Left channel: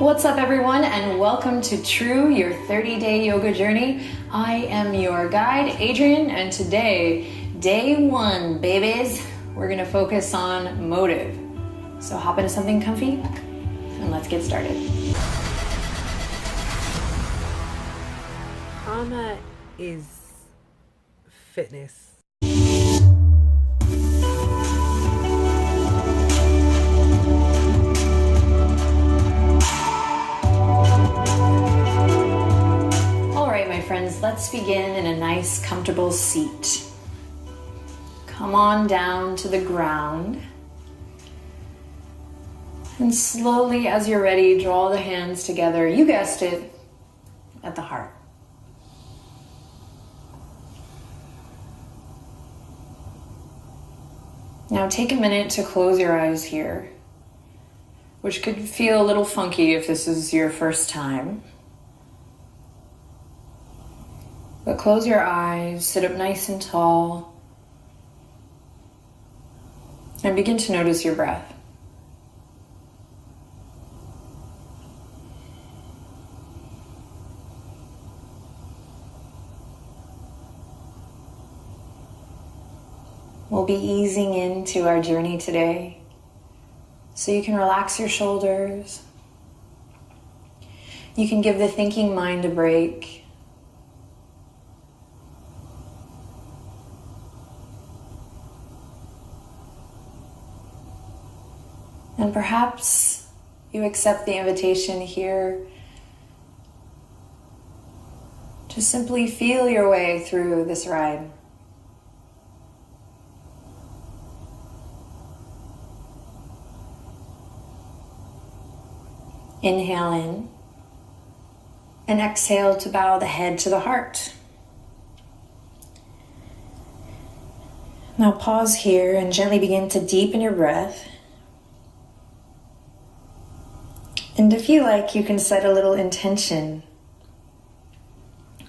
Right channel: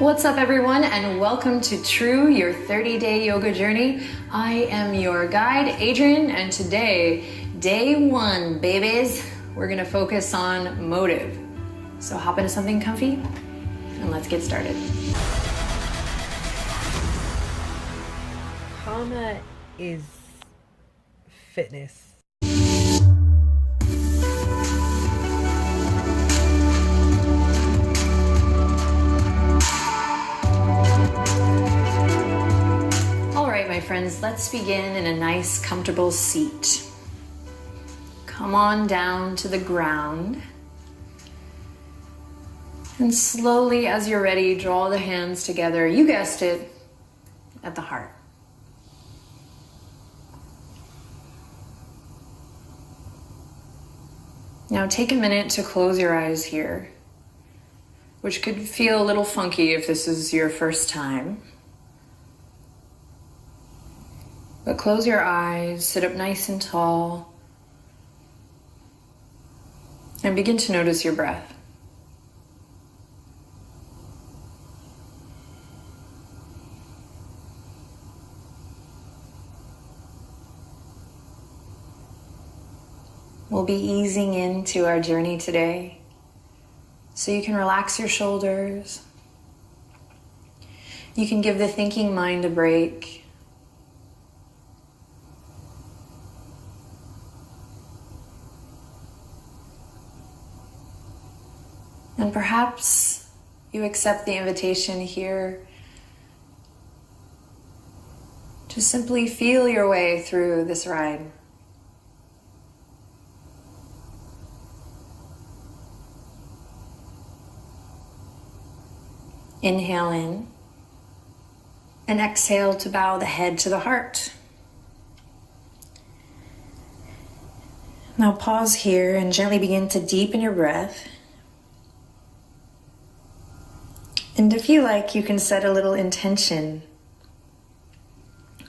What's up everyone, and welcome to True, your 30-day yoga journey. I am your guide, Adriene, and today, day one, babies, we're gonna focus on motive. So hop into something comfy and let's get started. Prana is fitness. Friends, let's begin in a nice, comfortable seat. Come on down to the ground. And slowly, as you're ready, draw the hands together. You guessed it, at the heart. Now take a minute to close your eyes here, which could feel a little funky if this is your first time. But close your eyes, sit up nice and tall, and begin to notice your breath. We'll be easing into our journey today, so you can relax your shoulders. You can give the thinking mind a break. And perhaps you accept the invitation here to simply feel your way through this ride. Inhale in and exhale to bow the head to the heart. Now pause here and gently begin to deepen your breath. And if you like, you can set a little intention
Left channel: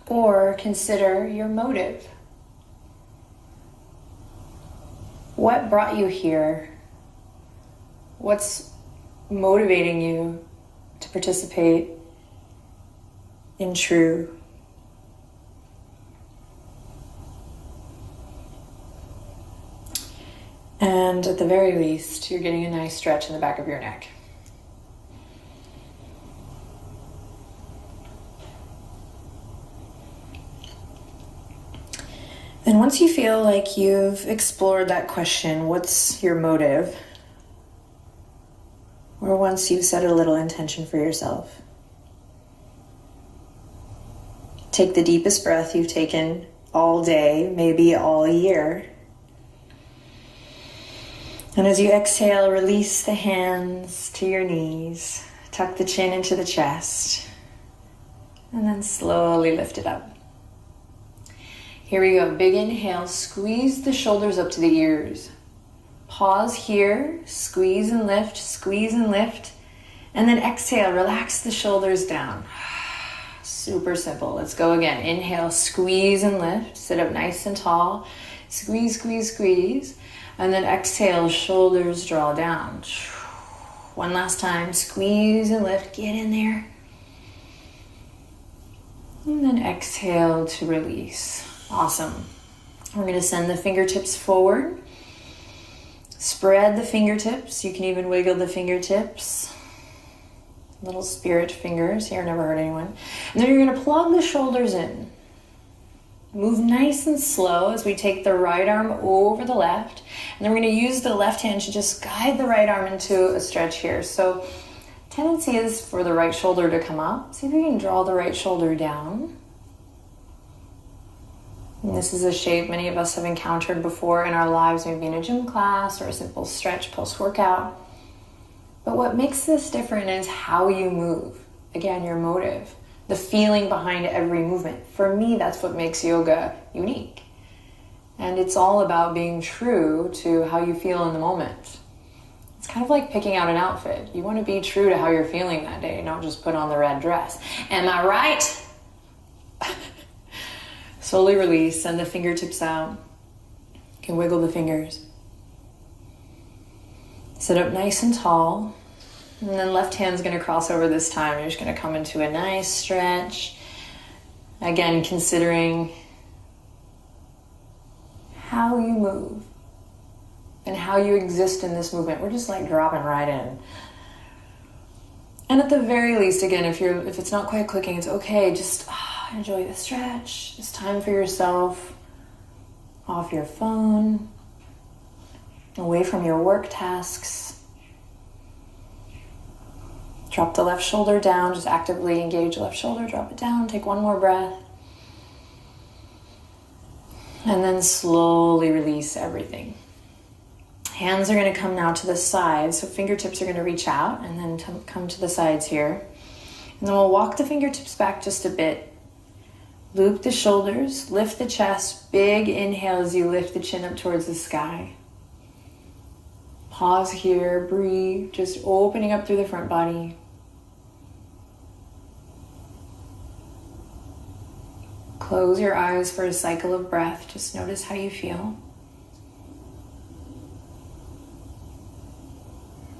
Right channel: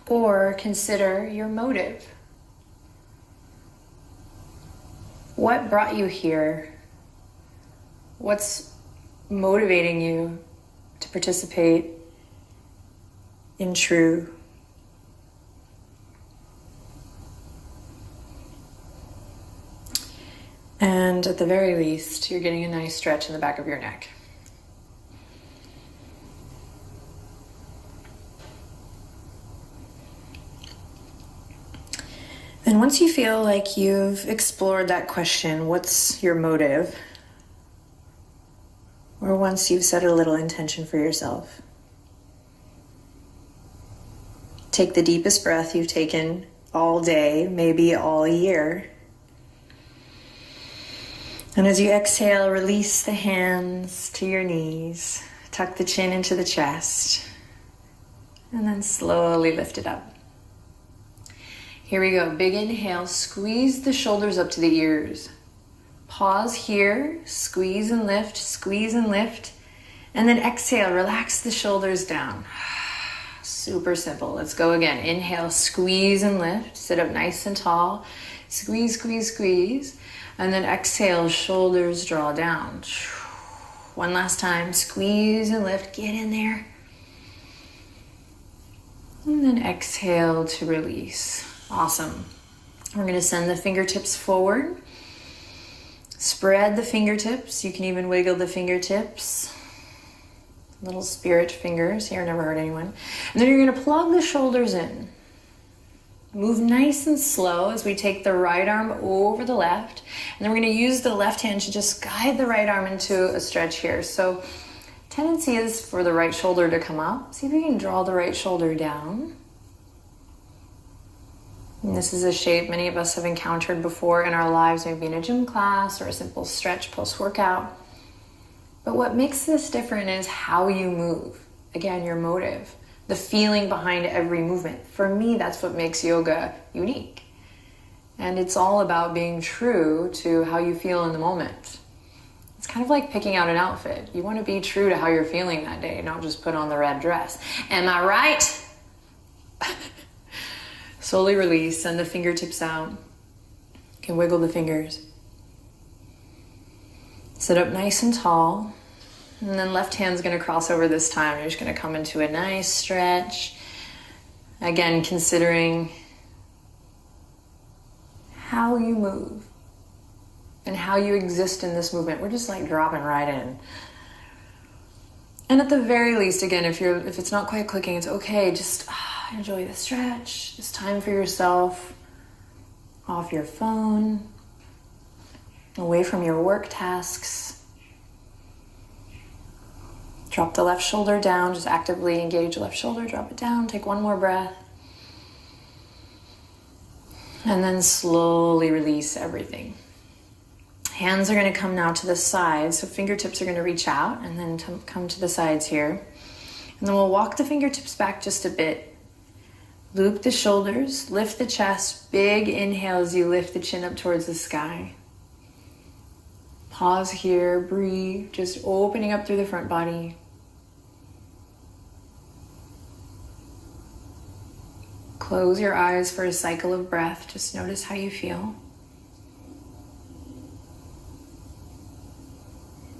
or consider your motive. What brought you here? What's motivating you to participate in True? And at the very least, you're getting a nice stretch in the back of your neck. And once you feel like you've explored that question, what's your motive? Or once you've set a little intention for yourself, take the deepest breath you've taken all day, maybe all year. And as you exhale, release the hands to your knees, tuck the chin into the chest, and then slowly lift it up. Here we go, big inhale, squeeze the shoulders up to the ears. Pause here, squeeze and lift, and then exhale, relax the shoulders down. Super simple, let's go again. Inhale, squeeze and lift, sit up nice and tall, squeeze, and then exhale, shoulders draw down. One last time, squeeze and lift, get in there. And then exhale to release. Awesome. We're going to send the fingertips forward. Spread the fingertips. You can even wiggle the fingertips. Little spirit fingers. Here, never hurt anyone. And then you're going to plug the shoulders in. Move nice and slow as we take the right arm over the left. And then we're going to use the left hand to just guide the right arm into a stretch here. So tendency is for the right shoulder to come up. See if you can draw the right shoulder down. And this is a shape many of us have encountered before in our lives, maybe in a gym class or a simple stretch post-workout. But what makes this different is how you move. Again, your motive, the feeling behind every movement. For me, that's what makes yoga unique. And it's all about being true to how you feel in the moment. It's kind of like picking out an outfit. You want to be true to how you're feeling that day, don't just put on the red dress. Am I right? Slowly release, send the fingertips out. You can wiggle the fingers. Sit up nice and tall. And then left hand's gonna cross over this time. You're just gonna come into a nice stretch. Again, considering how you move and how you exist in this movement. We're just like dropping right in. And at the very least, again, if it's not quite clicking, it's okay. Just enjoy the stretch. Just time for yourself. Off your phone. Away from your work tasks. Drop the left shoulder down. Just actively engage the left shoulder. Drop it down. Take one more breath. And then slowly release everything. Hands are going to come now to the sides. So fingertips are going to reach out and then come to the sides here. And then we'll walk the fingertips back just a bit. Loop the shoulders. Lift the chest. Big inhale as you lift the chin up towards the sky. Pause here. Breathe. Just opening up through the front body. Close your eyes for a cycle of breath. Just notice how you feel.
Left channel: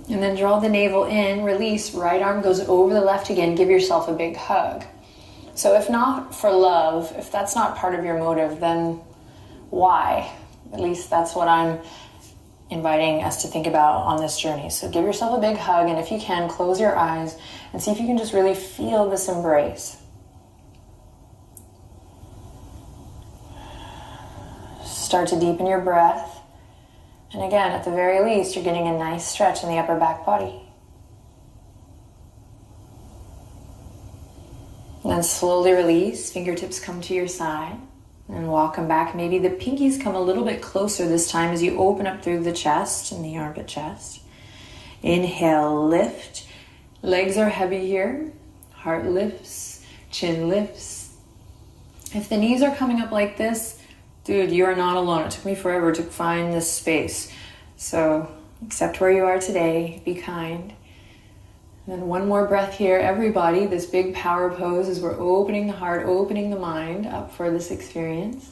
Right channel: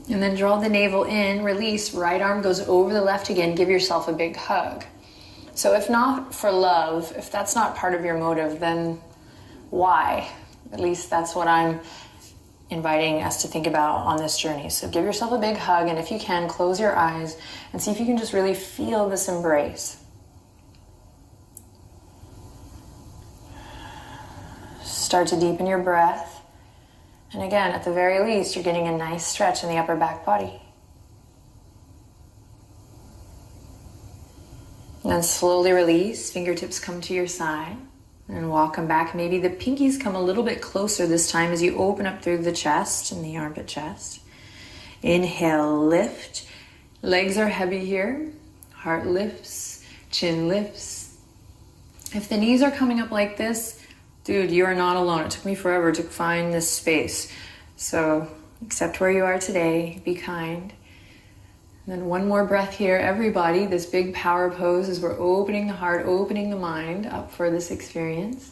And then draw the navel in, release, right arm goes over the left again. Give yourself a big hug. So if not for love, if that's not part of your motive, then why? At least that's what I'm inviting us to think about on this journey. So give yourself a big hug, and if you can, close your eyes and see if you can just really feel this embrace. Start to deepen your breath. And again, at the very least, you're getting a nice stretch in the upper back body. And then slowly release. Fingertips come to your side. And walk them back. Maybe the pinkies come a little bit closer this time as you open up through the chest and the armpit chest. Inhale, lift. Legs are heavy here. Heart lifts. Chin lifts. If the knees are coming up like this, dude, you are not alone. It took me forever to find this space. So accept where you are today. Be kind. And then one more breath here. Everybody, this big power pose as we're opening the heart, opening the mind up for this experience.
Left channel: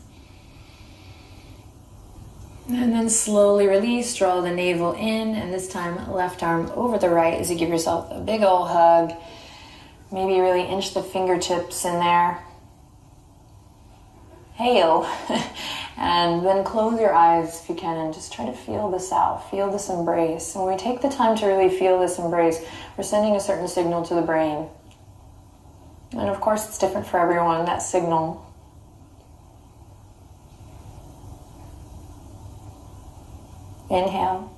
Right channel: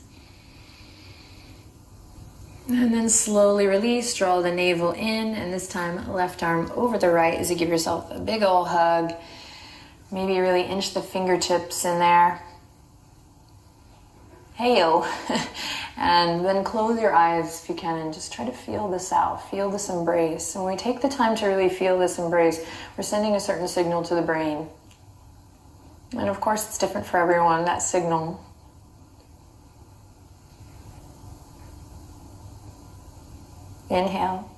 And then slowly release. Draw the navel in. And this time, left arm over the right as you give yourself a big ol' hug. Maybe really inch the fingertips in there. Hey-o. And then close your eyes if you can and just try to feel this out. Feel this embrace. And when we take the time to really feel this embrace, we're sending a certain signal to the brain. And of course, it's different for everyone, that signal. Inhale.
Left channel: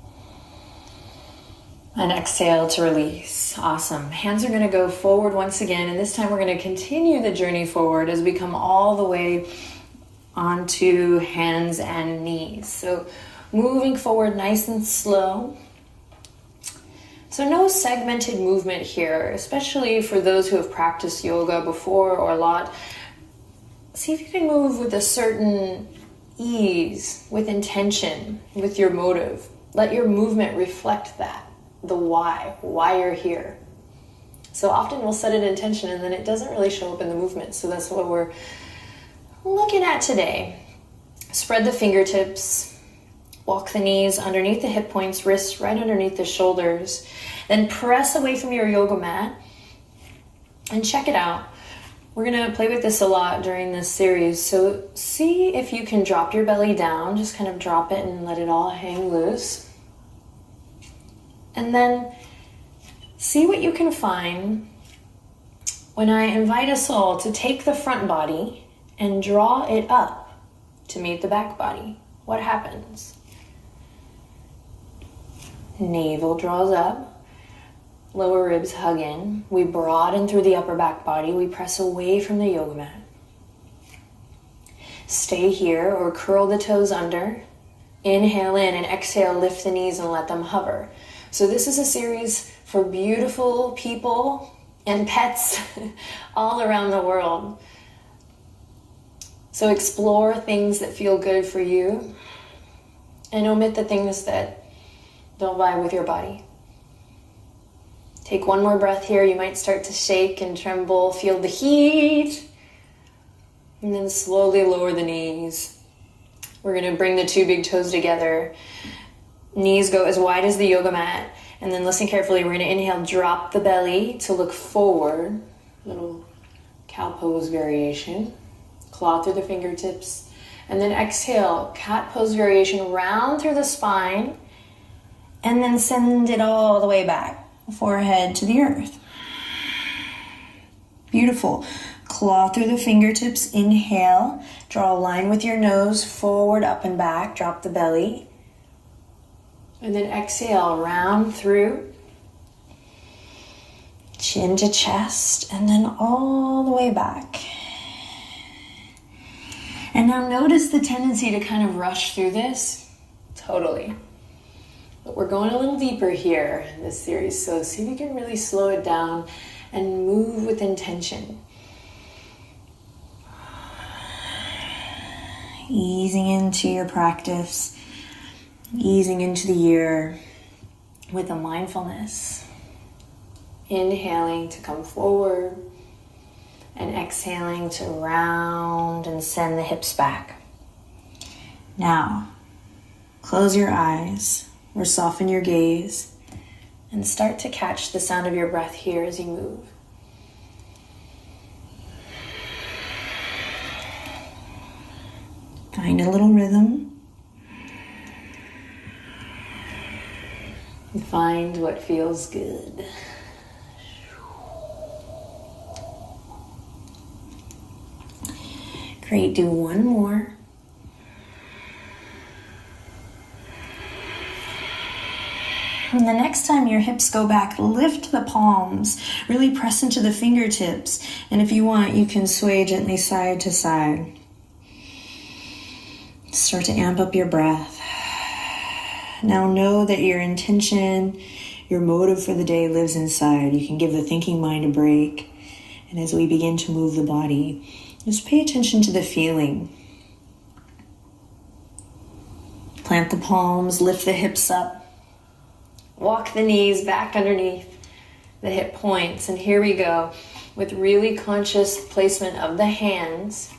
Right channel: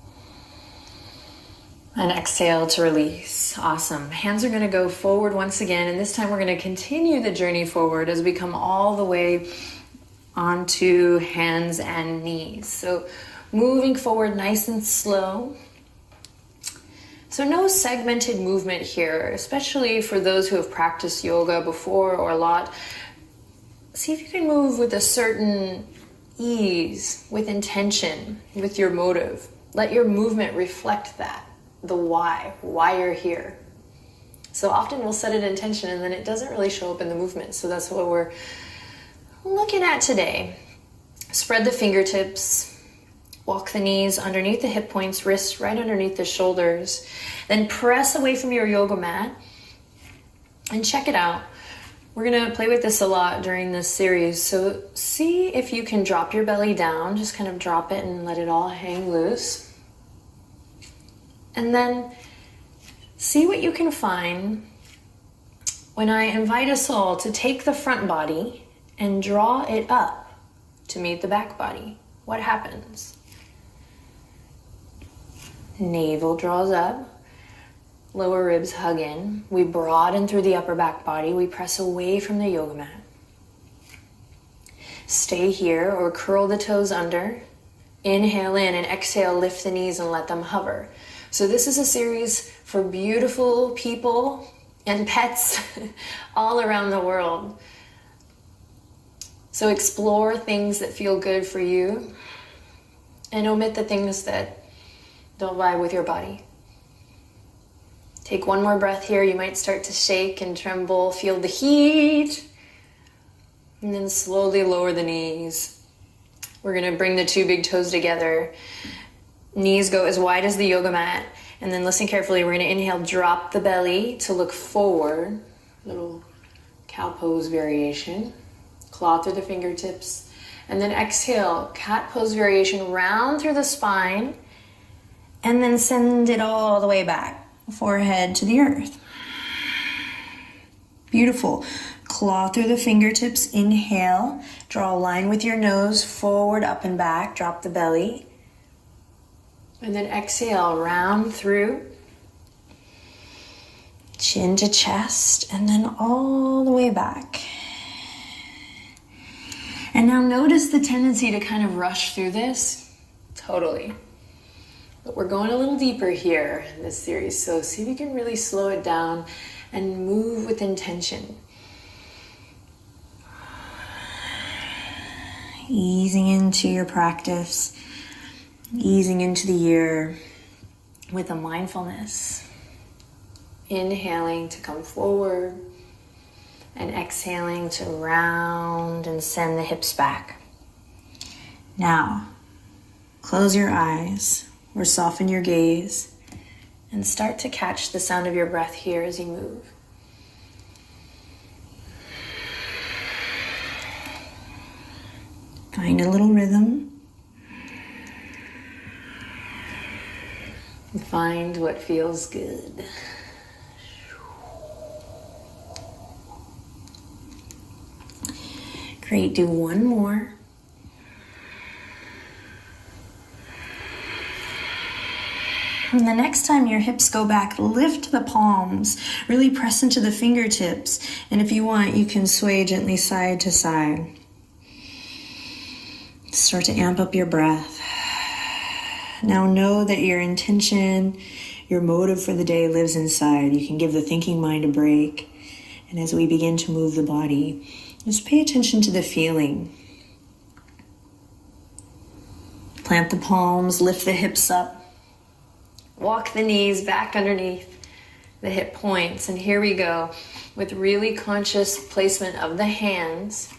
And exhale to release. Awesome. Hands are going to go forward once again. And this time we're going to continue the journey forward as we come all the way onto hands and knees. So moving forward nice and slow. So no segmented movement here, especially for those who have practiced yoga before or a lot. See if you can move with a certain ease, with intention, with your motive. Let your movement reflect that, the why you're here. So often we'll set an intention and then it doesn't really show up in the movement. So that's what we're looking at today. Spread the fingertips, walk the knees underneath the hip points, wrists right underneath the shoulders. Then press away from your yoga mat and check it out. We're going to play with this a lot during this series. So see if you can drop your belly down, just kind of drop it and let it all hang loose. And then see what you can find when I invite us all to take the front body and draw it up to meet the back body. What happens? Navel draws up, lower ribs hug in. We broaden through the upper back body. We press away from the yoga mat. Stay here or curl the toes under. Inhale in and exhale, lift the knees and let them hover. So this is a series for beautiful people and pets all around the world. So explore things that feel good for you and omit the things that don't vibe with your body. Take one more breath here. You might start to shake and tremble, feel the heat, and then slowly lower the knees. We're going to bring the two big toes together. Knees go as wide as the yoga mat, And then listen carefully. We're going to inhale, drop the belly to look forward. Little cow pose variation. Claw through the fingertips. And then exhale, cat pose variation, round through the spine. And then send it all the way back. Forehead to the earth. Beautiful. Claw through the fingertips. Inhale. Draw a line with your nose. Forward, up and back. Drop the belly. And then exhale, round through, chin to chest, and then all the way back. And now notice the tendency to kind of rush through this. Totally. But we're going a little deeper here in this series, so see if you can really slow it down and move with intention. Easing into your practice. Easing into the year with a mindfulness. Inhaling to come forward and exhaling to round and send the hips back. Now, close your eyes or soften your gaze and start to catch the sound of your breath here as you move. Find a little rhythm. Find what feels good. Great, do one more. And the next time your hips go back, lift the palms. Really press into the fingertips. And if you want, you can sway gently side to side. Start to amp up your breath. Now know that your intention, your motive for the day lives inside. You can give the thinking mind a break. And as we begin to move the body, just pay attention to the feeling. Plant the palms, lift the hips up. Walk the knees back underneath the hip points. And here we go with really conscious placement of the hands.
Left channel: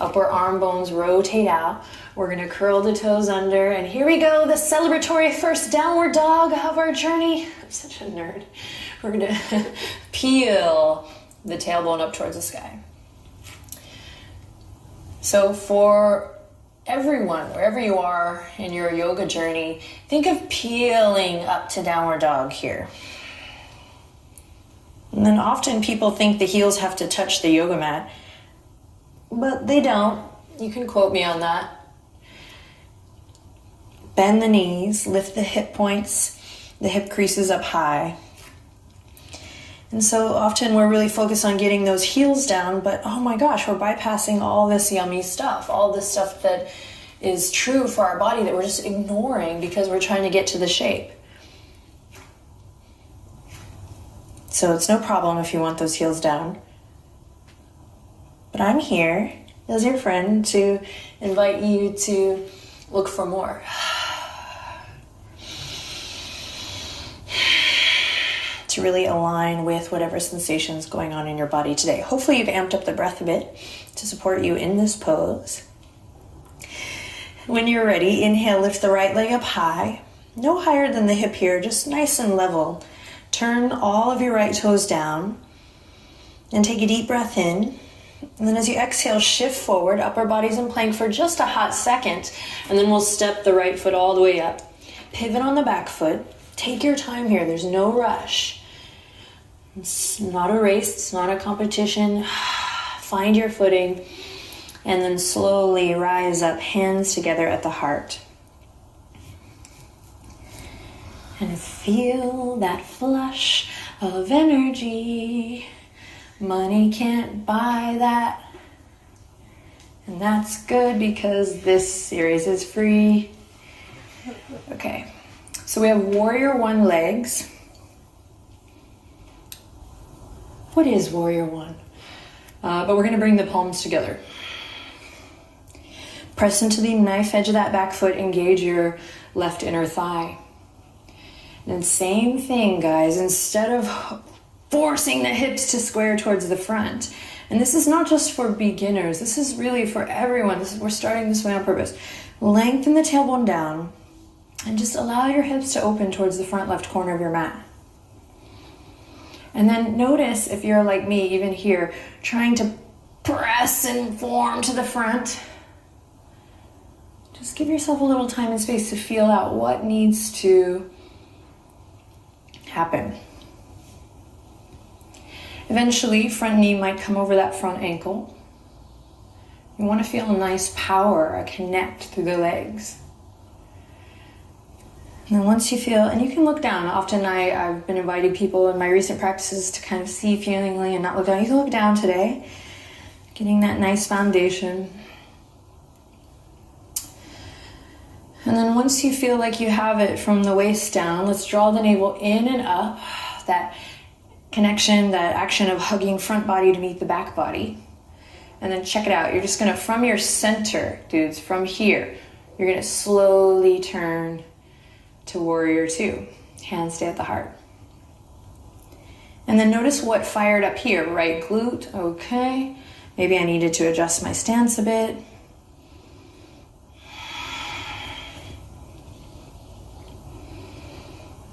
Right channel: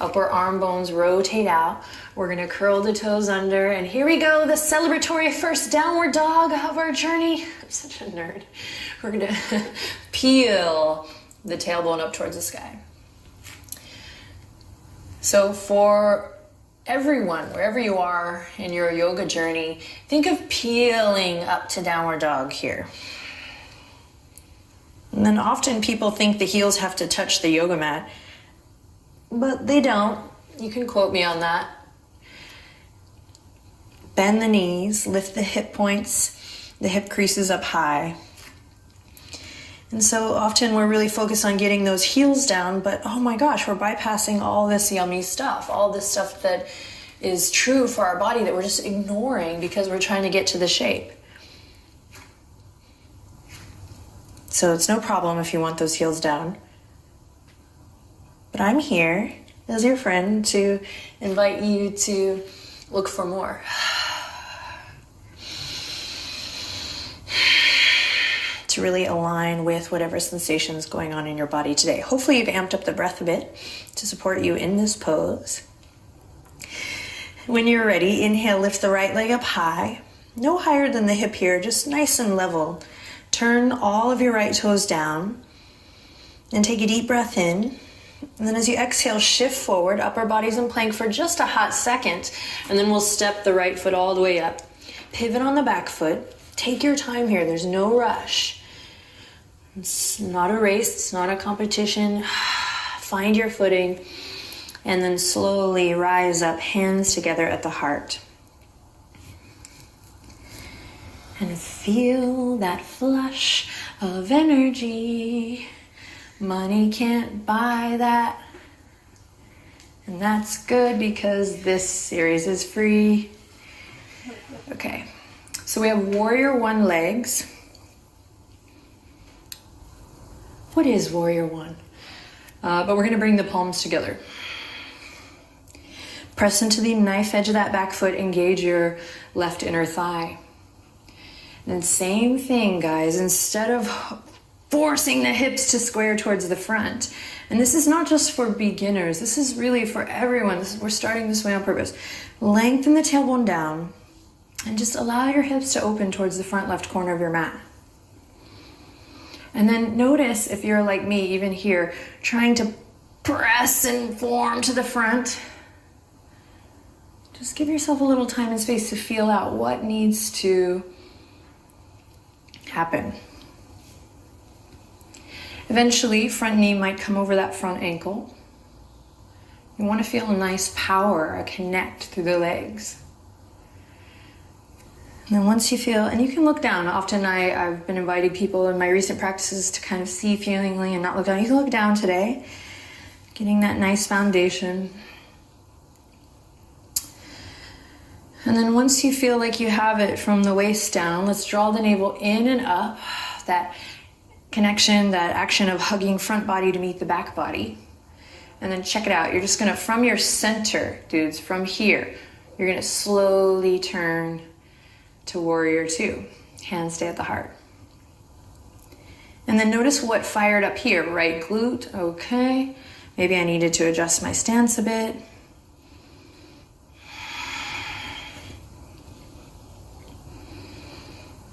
Upper arm bones rotate out. We're going to curl the toes under. And here we go, the celebratory first downward dog of our journey. I'm such a nerd. We're going to peel the tailbone up towards the sky. So for everyone, wherever you are in your yoga journey, think of peeling up to downward dog here. And then often people think the heels have to touch the yoga mat, but they don't. You can quote me on that. Bend the knees, lift the hip points, the hip creases up high. And so often we're really focused on getting those heels down, but oh my gosh, we're bypassing all this yummy stuff, all this stuff that is true for our body that we're just ignoring because we're trying to get to the shape. So it's no problem if you want those heels down. But I'm here as your friend to invite you to look for more. To really align with whatever sensation is going on in your body today. Hopefully you've amped up the breath a bit to support you in this pose. When you're ready, inhale, lift the right leg up high. No higher than the hip here, just nice and level. Turn all of your right toes down and take a deep breath in. And then as you exhale, shift forward, upper body's in plank for just a hot second. And then we'll step the right foot all the way up. Pivot on the back foot. Take your time here, there's no rush. It's not a race, it's not a competition. Find your footing and then slowly rise up, hands together at the heart. And feel that flush of energy. Money can't buy that. And that's good because this series is free. Okay, so we have Warrior One legs. What is Warrior One? But we're going to bring the palms together. Press into the knife edge of that back foot, engage your left inner thigh. And same thing, guys, instead of forcing the hips to square towards the front. And this is not just for beginners, this is really for everyone. We're starting this way on purpose. Lengthen the tailbone down. And just allow your hips to open towards the front left corner of your mat. And then notice if you're like me, even here, trying to press and form to the front. Just give yourself a little time and space to feel out what needs to happen. Eventually, front knee might come over that front ankle. You want to feel a nice power, a connect through the legs. And then once you feel, and you can look down. Often I've been inviting people in my recent practices to kind of see feelingly and not look down. You can look down today, getting that nice foundation. And then once you feel like you have it from the waist down, let's draw the navel in and up. That connection, that action of hugging front body to meet the back body. And then check it out. You're just gonna, from your center, dudes, from here, you're gonna slowly turn to warrior two. Hands stay at the heart. And then notice what fired up here. Right glute, okay. Maybe I needed to adjust my stance a bit.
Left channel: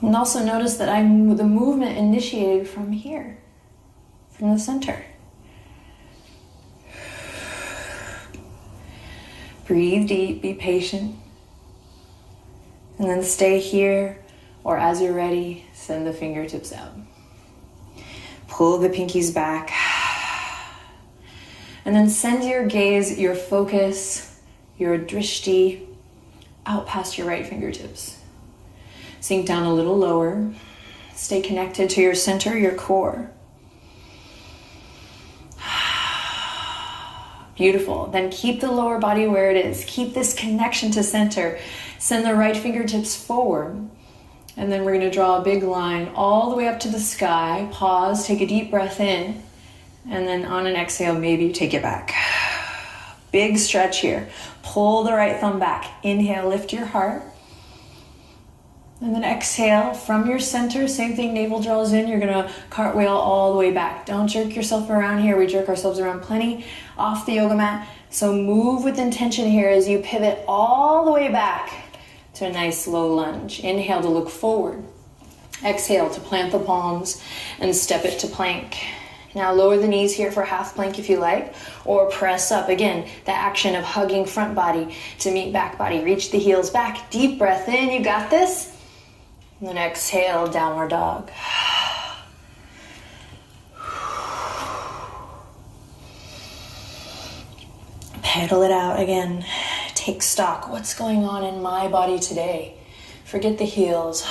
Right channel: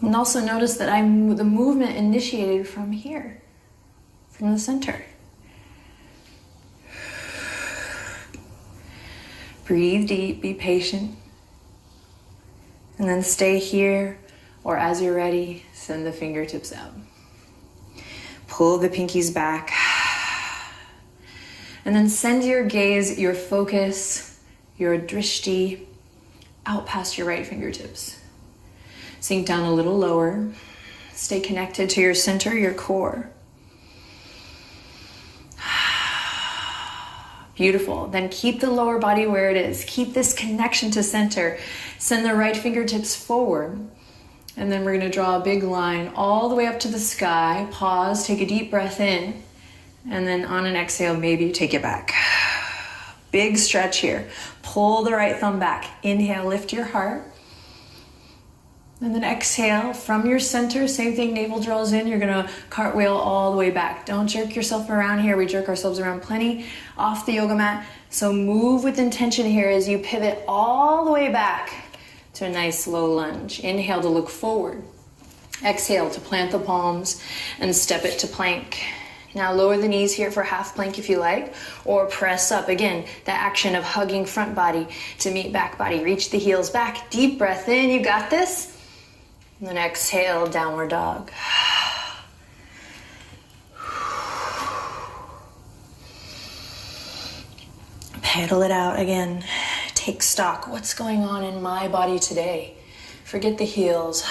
And also notice that the movement initiated from here, from the center. Breathe deep, be patient. And then stay here, or as you're ready, send the fingertips out. Pull the pinkies back. And then send your gaze, your focus, your drishti out past your right fingertips. Sink down a little lower. Stay connected to your center, your core. Beautiful. Then keep the lower body where it is. Keep this connection to center. Send the right fingertips forward. And then we're going to draw a big line all the way up to the sky. Pause, take a deep breath in. And then on an exhale, maybe take it back. Big stretch here. Pull the right thumb back. Inhale, lift your heart. And then exhale from your center, same thing, navel draws in, you're gonna cartwheel all the way back. Don't jerk yourself around here, we jerk ourselves around plenty off the yoga mat. So move with intention here as you pivot all the way back to a nice low lunge. Inhale to look forward. Exhale to plant the palms and step it to plank. Now lower the knees here for half plank if you like, or press up. Again, the action of hugging front body to meet back body. Reach the heels back, deep breath in, you got this. And then exhale, downward dog. Pedal it out again. Take stock. What's going on in my body today? Forget the heels.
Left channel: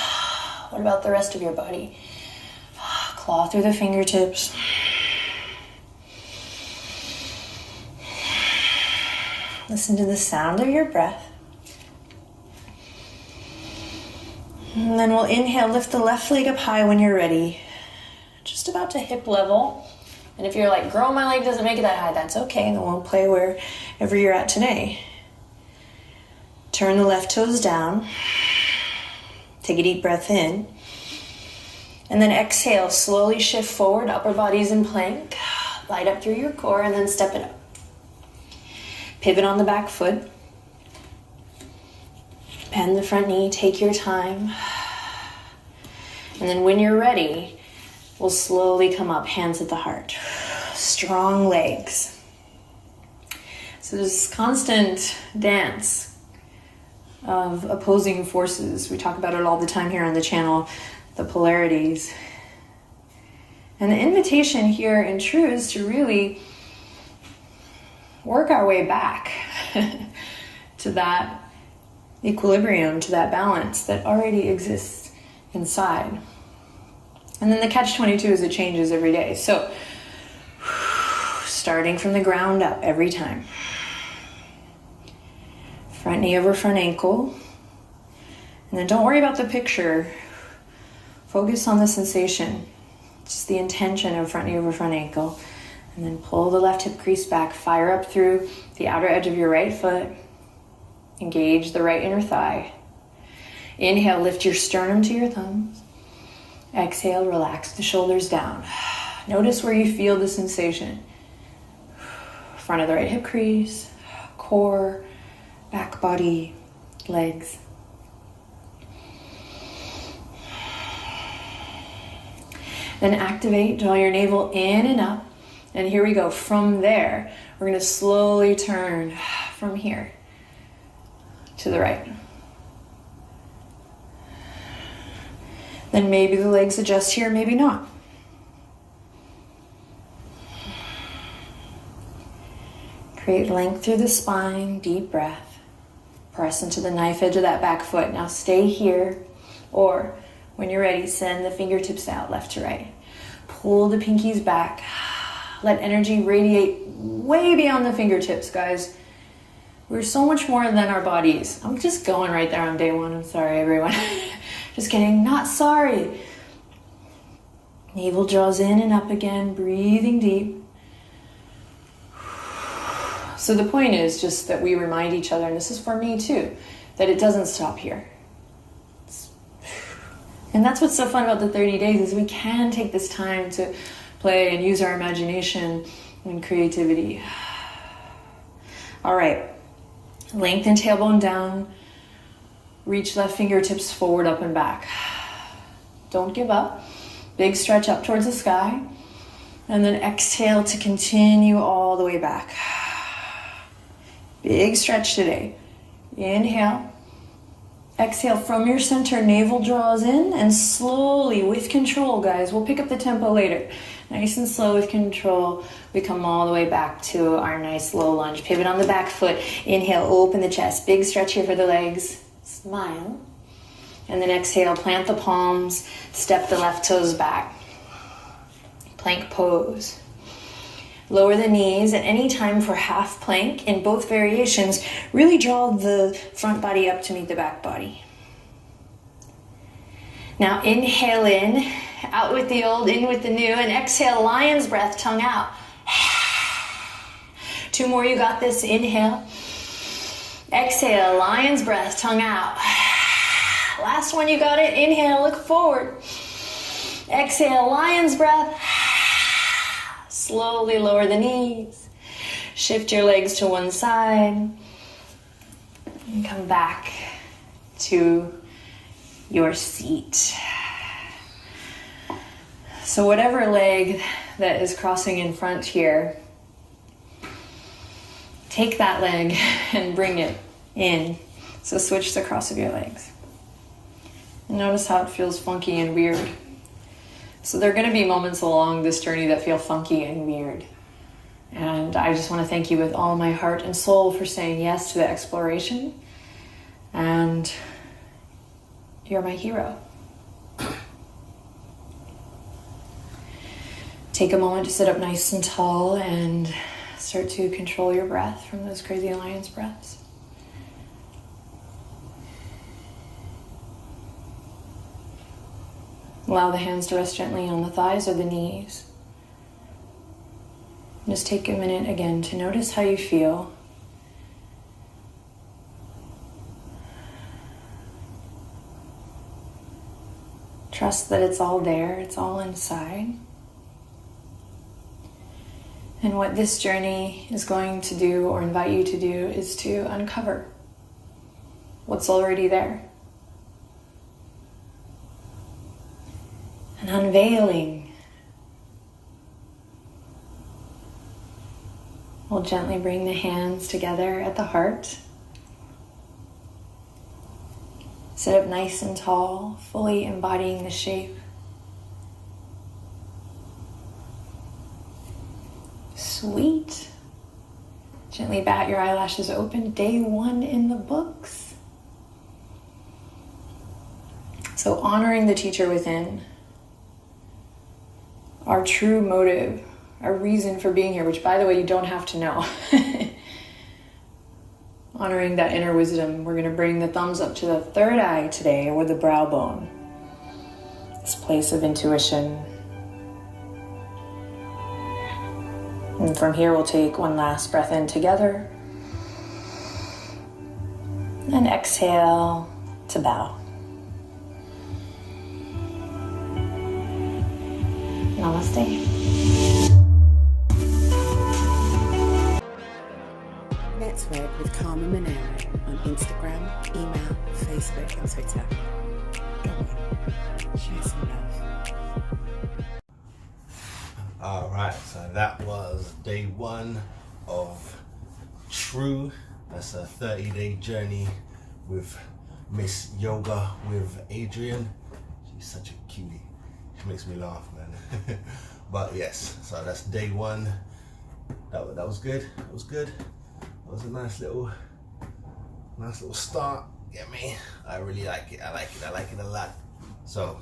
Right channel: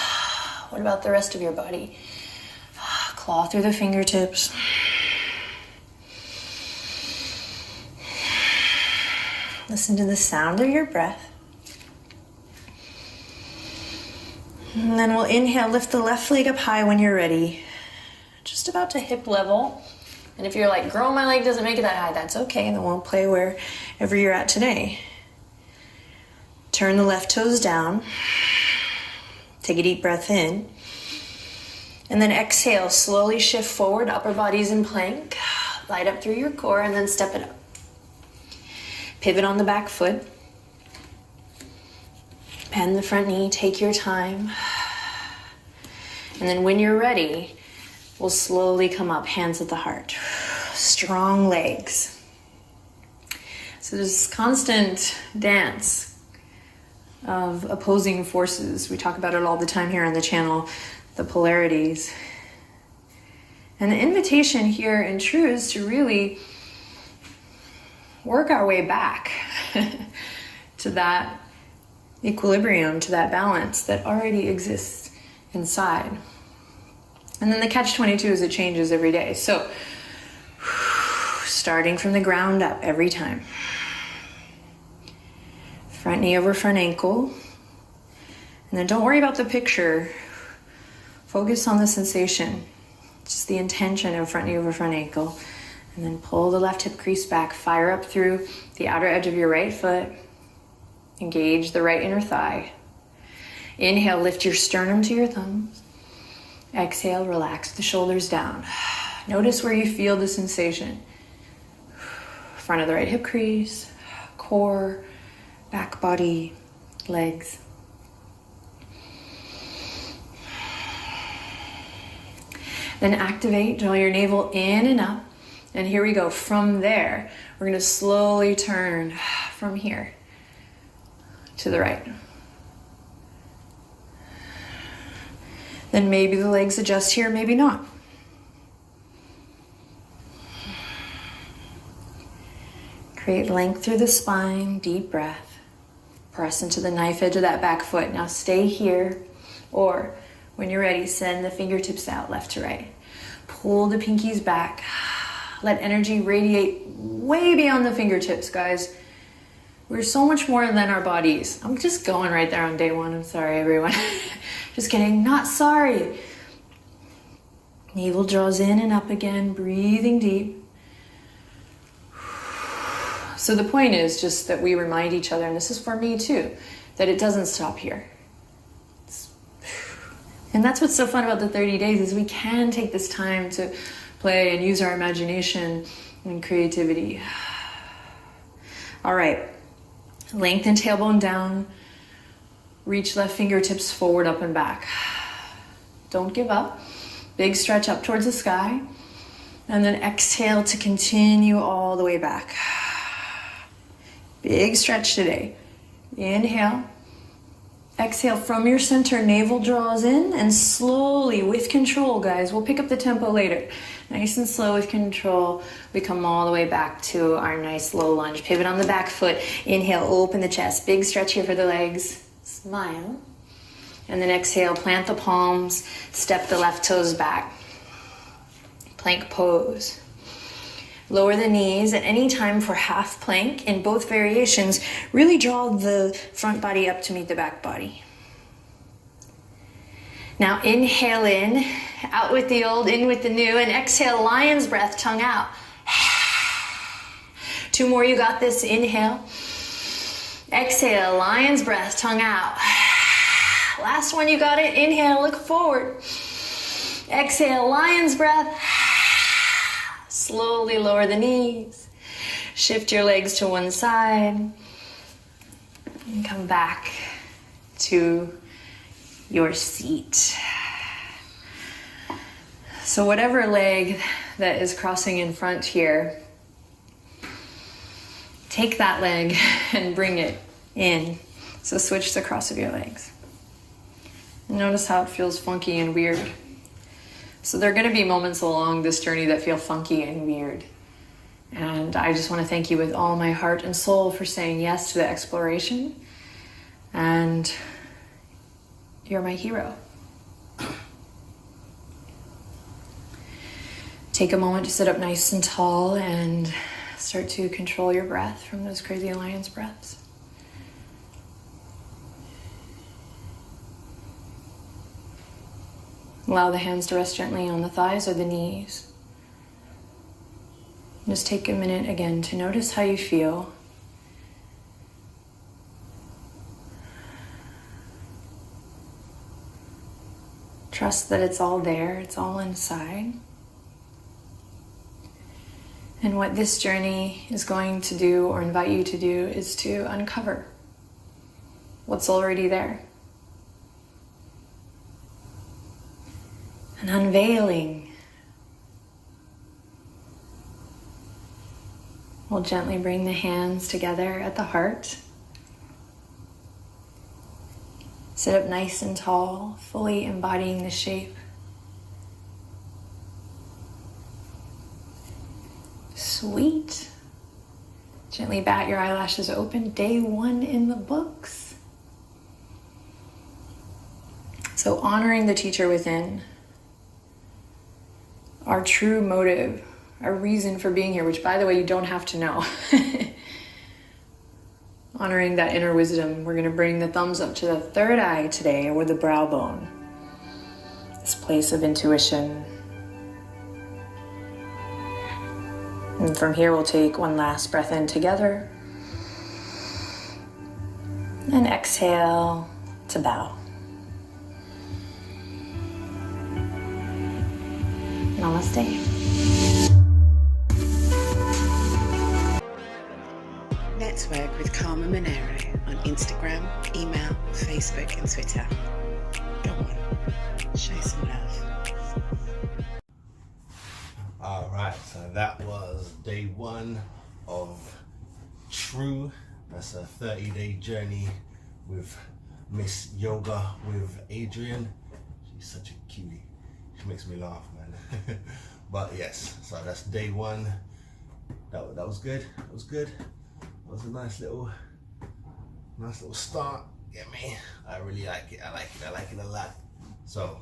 What about the rest of your body? Claw through the fingertips. Listen to the sound of your breath. And then we'll inhale, lift the left leg up high when you're ready. Just about to hip level. And if you're like, girl, my leg doesn't make it that high, that's okay. Then we'll play wherever you're at today. Turn the left toes down. Take a deep breath in. And then exhale, slowly shift forward, upper body's in plank. Light up through your core and then step it up. Pivot on the back foot. Bend the front knee, take your time. And then when you're ready, we'll slowly come up, hands at the heart. Strong legs. So there's constant dance of opposing forces. We talk about it all the time here on the channel, the polarities. And the invitation here in True is to really work our way back to that equilibrium, to that balance that already exists inside. And then the catch-22 is it changes every day. So starting from the ground up every time. Front knee over front ankle. And then don't worry about the picture. Focus on the sensation. Just the intention of front knee over front ankle. And then pull the left hip crease back. Fire up through the outer edge of your right foot. Engage the right inner thigh. Inhale, lift your sternum to your thumbs. Exhale, relax the shoulders down. Notice where you feel the sensation. Front of the right hip crease, core, back body, legs. Then activate, draw your navel in and up. And here we go. From there, we're going to slowly turn from here to the right. Then maybe the legs adjust here, maybe not. Create length through the spine, deep breath. Press into the knife edge of that back foot. Now stay here, or when you're ready, send the fingertips out left to right. Pull the pinkies back. Let energy radiate way beyond the fingertips, guys. We're so much more than our bodies. I'm just going right there on day one. I'm sorry, everyone. Just kidding, not sorry. Navel draws in and up again, breathing deep. So the point is just that we remind each other, and this is for me too, that it doesn't stop here. And that's what's so fun about the 30 days is we can take this time to play and use our imagination and creativity. All right, lengthen tailbone down, reach left fingertips forward, up and back. Don't give up. Big stretch up towards the sky. And then exhale to continue all the way back. Big stretch today. Inhale. Exhale from your center, navel draws in, and slowly, with control, guys, we'll pick up the tempo later. Nice and slow with control, we come all the way back to our nice low lunge. Pivot on the back foot. Inhale, open the chest. Big stretch here for the legs. Smile. And then exhale, plant the palms, step the left toes back. Plank pose. Lower the knees at any time for half plank. In both variations, really draw the front body up to meet the back body. Now inhale in, out with the old, in with the new, and exhale, lion's breath, tongue out. 2 more, you got this. Inhale. Exhale, lion's breath, tongue out. Last one, you got it. Inhale, look forward. Exhale, lion's breath. Slowly lower the knees. Shift your legs to one side. And come back to your seat. So whatever leg that is crossing in front here, take that leg and bring it in. So switch the cross of your legs. Notice how it feels funky and weird. So there are going to be moments along this journey that feel funky and weird. And I just want to thank you with all my heart and soul for saying yes to the exploration. And you're my hero. Take a moment to sit up nice and tall and start to control your breath from those crazy lion's breaths. Allow the hands to rest gently on the thighs or the knees. Just take a minute again to notice how you feel. Trust that it's all there, it's all inside. And what this journey is going to do or invite you to do is to uncover what's already there. An unveiling. We'll gently bring the hands together at the heart. Sit up nice and tall, fully embodying the shape. Sweet. Gently bat your eyelashes open. Day 1 in the books. So honoring the teacher within, our true motive, our reason for being here, which by the way, you don't have to know. Honoring that inner wisdom, we're going to bring the thumbs up to the third eye today, or the brow bone. This place of intuition. And from here, we'll take one last breath in together. And exhale to bow. Namaste. Network with Karma Monero on Instagram, email, Facebook and Twitter. Go on, show some love. All right, so that was day 1 of SLEW. That's a 30-day journey with Miss Yoga with Adriene. She's such a cutie. She makes me laugh, man. But yes, so that's day 1. That was good. That was good. That was a nice little start. Get me? I really like it. I like it a lot. So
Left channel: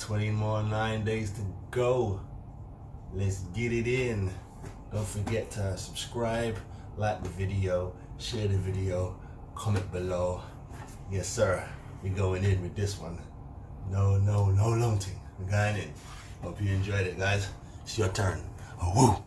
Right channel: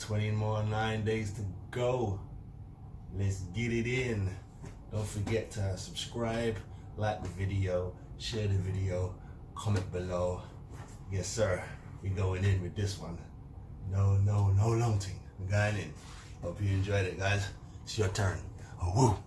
29 days to go. Let's get it in. Don't forget to subscribe, like the video, share the video, comment below. Yes, sir. We're going in with this one. No long thing. We're going in. Hope you enjoyed it, guys. It's your turn. Oh, woo.